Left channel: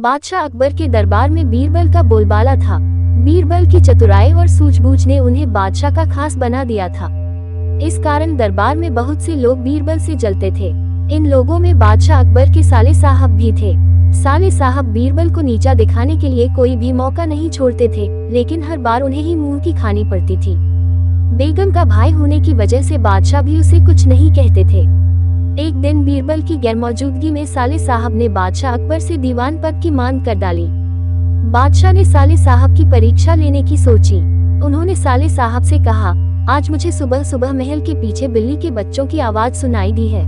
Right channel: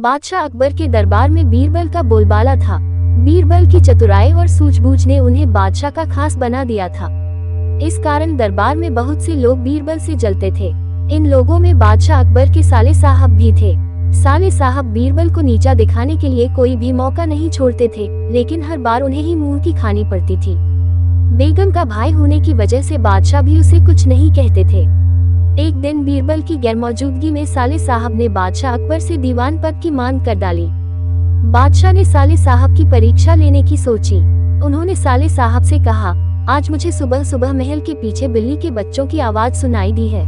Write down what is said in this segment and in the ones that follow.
बादशाह अकबर के दरबार में बीरबल का बोलबाला था। बीरबल की चतुराई और सूझबूझ ने उन्हें बादशाह का खास बना दिया था। इस कारण दरबार में बहुत से लोग बीरबल से जलते थे। इन लोगों में बादशाह अकबर के साले साहब भी थे। साले साहब बीरबल को नीचा दिखाने के लिए कोई भी मौका नहीं छोड़ते थे, लेकिन हर बार उन्हें ही मुंह की खानी पड़ती थी। बेगम का भाई होने की वजह से बादशाह भी उसे कुछ नहीं कहते थे। एक दिन बीरबल की गैरमौजूदगी में साले साहब ने बादशाह अकबर से दीवान पद की मांग कर डाली। बादशाह ने साले साहब की परीक्षा लेने की सोची। उन्होंने साले साहब से कहा, आज मुझे सुबह सुबह महल के पीछे बिल्ली के बच्चों की आवाज सुनाई दी है।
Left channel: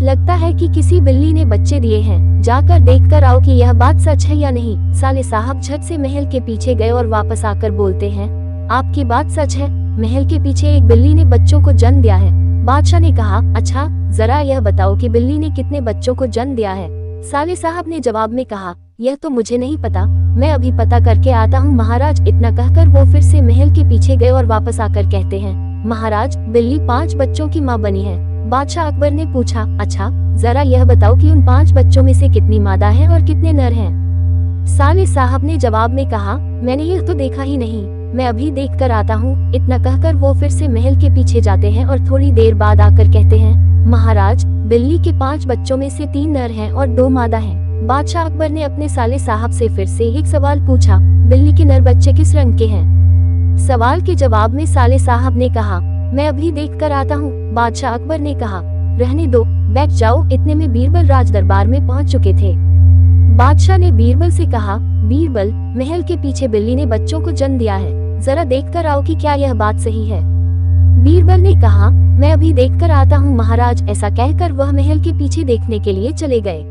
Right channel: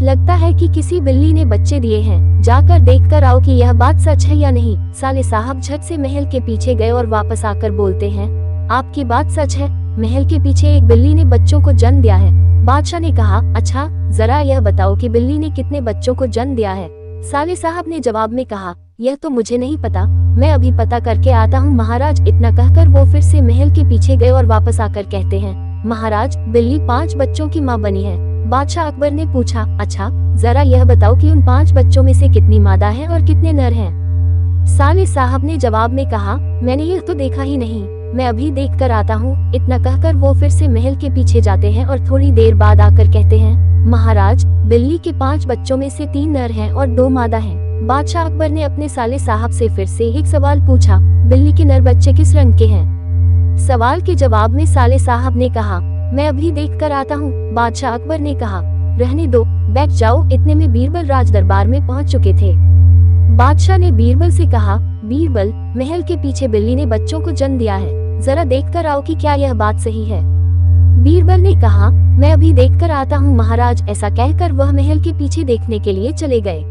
लगता है कि किसी बिल्ली ने बच्चे दिए हैं, जाकर देखकर आओ कि यह बात सच है या नहीं। साले साहब झट से महल के पीछे गए और वापस आकर बोलते हैं, आपकी बात सच है, महल के पीछे एक बिल्ली ने बच्चों को जन्म दिया है। बादशाह ने कहा, अच्छा जरा यह बताओ कि बिल्ली ने कितने बच्चों को जन्म दिया है। साले साहब ने जवाब में कहा, यह तो मुझे नहीं पता, मैं अभी पता करके आता हूँ महाराज। इतना कहकर वो फिर से महल के पीछे गए और वापस आकर कहते हैं, महाराज बिल्ली 5 बच्चों की माँ बनी है। बादशाह अकबर ने पूछा, अच्छा जरा यह बताओ कि उन 5 बच्चों में से कितनी मादा है और कितने नर हैं। साले साहब ने जवाब में कहा, मैंने यह तो देखा ही नहीं, मैं अभी देख कर आता हूँ। इतना कहकर वो फिर से महल के पीछे जाते हैं और थोड़ी देर बाद आकर कहते हैं, महाराज बिल्ली के 5 बच्चों में से 3 नर हैं और 2 मादा हैं। बादशाह अकबर ने अपने साले साहब से फिर से एक सवाल पूछा, बिल्ली के नर बच्चे किस रंग के हैं। सवाल के जवाब में साले साहब ने कहा, मैं अभी देख कर आता हूँ। बादशाह अकबर ने कहा, रहने दो, बैठ जाओ। इतने में बीरबल राज दरबार में पहुँच चुके थे। बादशाह ने बीरबल से कहा, बीरबल महल के पीछे बिल्ली ने बच्चों को जन्म दिया है, जरा देख कर आओ कि क्या यह बात सही है। बीरबल ने कहा, मैं अभी देख कर आता हूँ महाराज। ऐसा कहकर वह महल के पीछे देखने के लिए चले गए।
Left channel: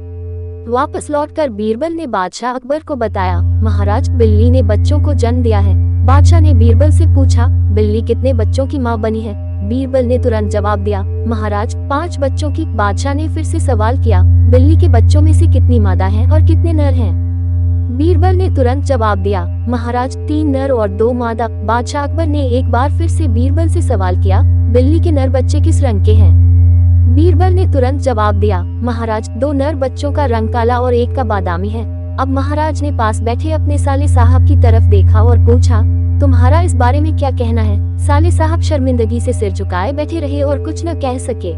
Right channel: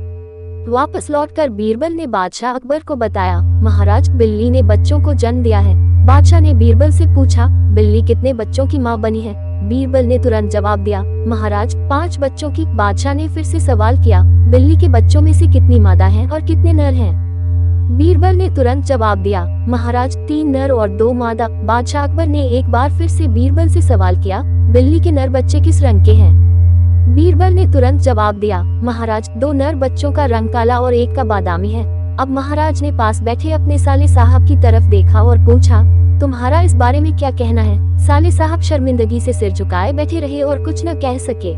वापस लौटकर बीरबल ने बादशाह अकबर को बताया, महाराज बिल्ली ने बच्चों को जन्म दिया है। बादशाह ने बीरबल से पूछा, बिल्ली कितने बच्चों की माँ बनी है। बीरबल ने तुरंत जवाब दिया, महाराज 5 बच्चों की। बादशाह ने फिर से सवाल किया, बिल्ली के बच्चों में से कितनी मादा हैं और कितने नर हैं। बीरबल ने तुरंत जवाब दिया, महाराज 3 नर और 2 मादा। बादशाह अकबर ने एक बार फिर से बीरबल से सवाल किया, बिल्ली के नर बच्चे किस रंग के हैं। बीरबल ने तुरंत जवाब दिया, महाराज 2 नर बच्चों का रंग काला और एक का बादामी है। अब महाराज ने पास बैठे अपने साले साहब की तरफ देखा और पूछा, तुम्हारा इस बारे में क्या कहना है। साले साहब शर्मिंदगी से सिर झुकाए बैठे रहे और कुछ न कह सके।